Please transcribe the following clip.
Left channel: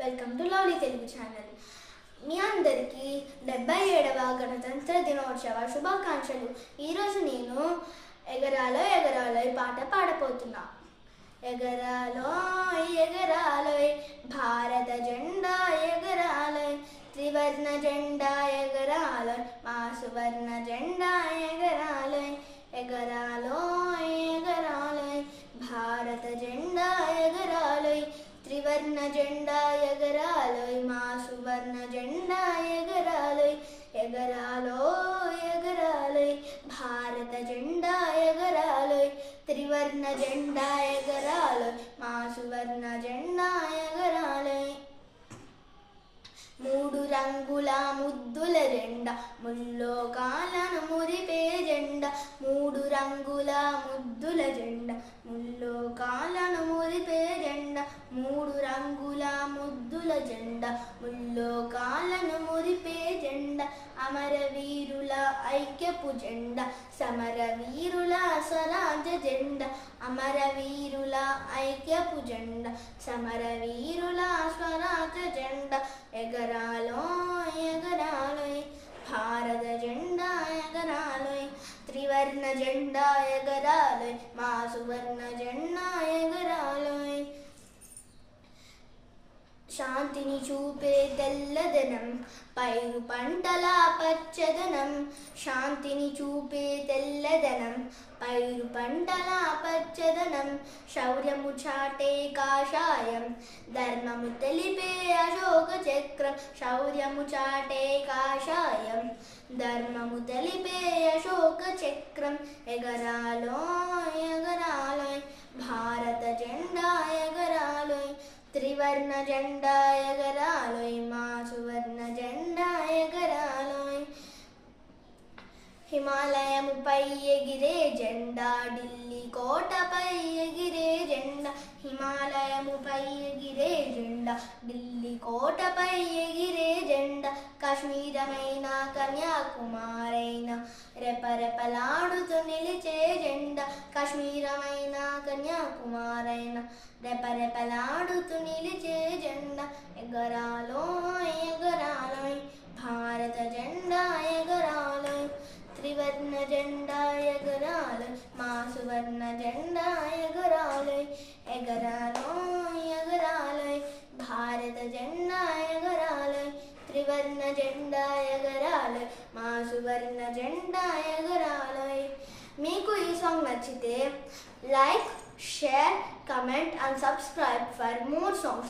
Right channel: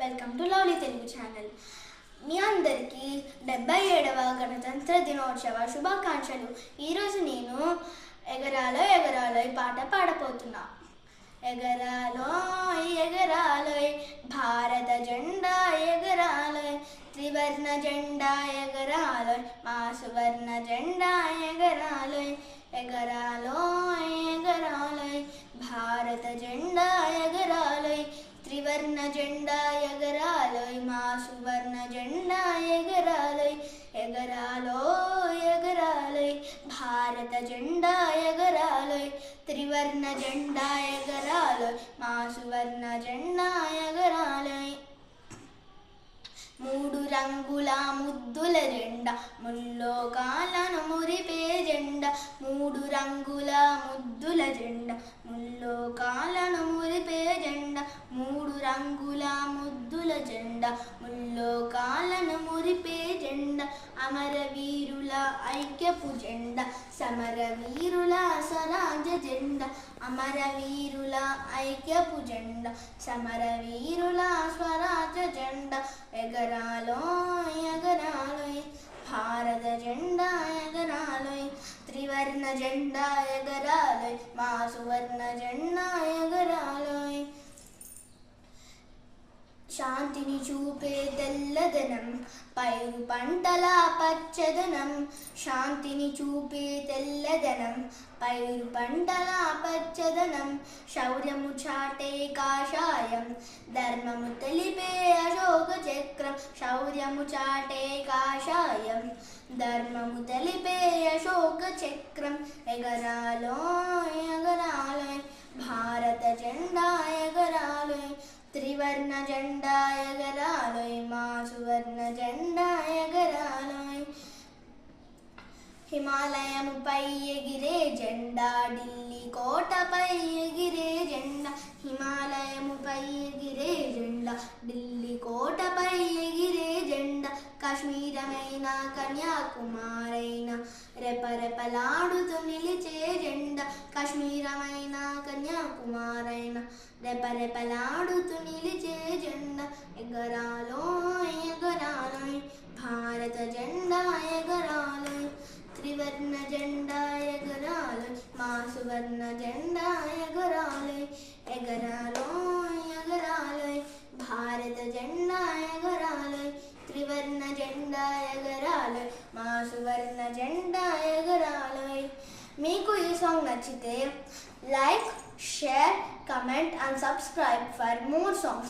Welcome to lovely Telugu channel. మీ అందరికీ 77వ గణతంత్ర దినోత్సవ శుభాకాంక్షలు. ఈరోజు నేను ఎగరాలో ఎగరాలో పాట పాడబోతున్నా. ఎగరాలోయ్ ఎగరాలోయ్ భారత జెండా ఎగరాలోయ్, త్రివర్ణ జెండా ఎగరాలోయ్, మా సువర్ణ జెండా ఎగరాలోయ్. ఎగరాలోయ్ ఎగరాలోయ్ భారత జెండా ఎగరాలోయ్, త్రివర్ణ జెండా ఎగరాలోయ్, మా సువర్ణ జెండా ఎగరాలోయ్. ఎగరాలోయ్ ఎగరాలోయ్ భారత జెండా ఎగరాలోయ్, త్రివర్ణ జెండా ఎగరాలోయ్, మా సువర్ణ జెండా ఎగరాలోయ్. మూడు రంగుల ముద్దుల జెండా, ముల్లోకాలను మురిపే జెండా. మూడు రంగుల ముద్దుల జెండా, ముల్లోకాలను మురిపే జెండా. మూడు రంగుల ముద్దుల జెండా, ముల్లోకాలను మురిపే జెండా. అమరవీరుల ఐక్యపు జెండా, సమరవీరుల స్వరాజ జెండా. అమరవీరుల ఐక్యపు జెండా, సమరవీరుల స్వరాజ జెండా. ఎగరాలోయ్ ఎగరాలోయ్ భారత జెండా ఎగరాలోయ్, త్రివర్ణ జెండా ఎగరాలోయ్, మా సువర్ణ జెండా ఎగరాలోయ్. శాంతిని చూపే తెల్లదనం, పైరు పంటల పచ్చదనం. శాంతిని చూపే తెల్లదనం, పైరు పంటల పచ్చదనం. శౌర్యము చాటే కాషాయం, ధర్మము తెలిపే అశోక చక్రం. శౌర్యము చాటే కాషాయం, ధర్మము తెలిపే అశోక చక్రం. ఎగరాలోయ్ ఎగరాలోయ్ భారత జెండా ఎగరాలోయ్, త్రివర్ణ జెండా ఎగరాలోయ్, మా సువర్ణ జెండా ఎగరాలోయ్. హిమాలయముపై ఎగిరే జెండా, ఢిల్లీ కోటపై ఎగిరే జెండా. హిమాలయముపై ఎగిరే జెండా, ఢిల్లీ కోటపై ఎగిరే జెండా. కాశ్మీరమైన కన్యాకుమారైన రెపరెపలాడుతూ నిలిచే జెండా. కాశ్మీరమైన కన్యాకుమారైన రెపరెపలాడుతూ నిలిచే జెండా. ఎగరాలోయ్ ఎగరాలోయ్ భారత జెండా ఎగరాలోయ్, త్రివర్ణ జెండా ఎగరాలోయ్, మా సువర్ణ జెండా ఎగరాలోయ్. ఎగరాలోయ్ ఎగరాలోయ్ భారత జెండా ఎగరాలోయ్, త్రివర్ణ జెండా ఎగరాలోయ్, మా సువర్ణ జెండా ఎగరాలోయ్. మీకు ఈ సాంగ్ నచ్చితే like, share, comment and subscribe for more songs.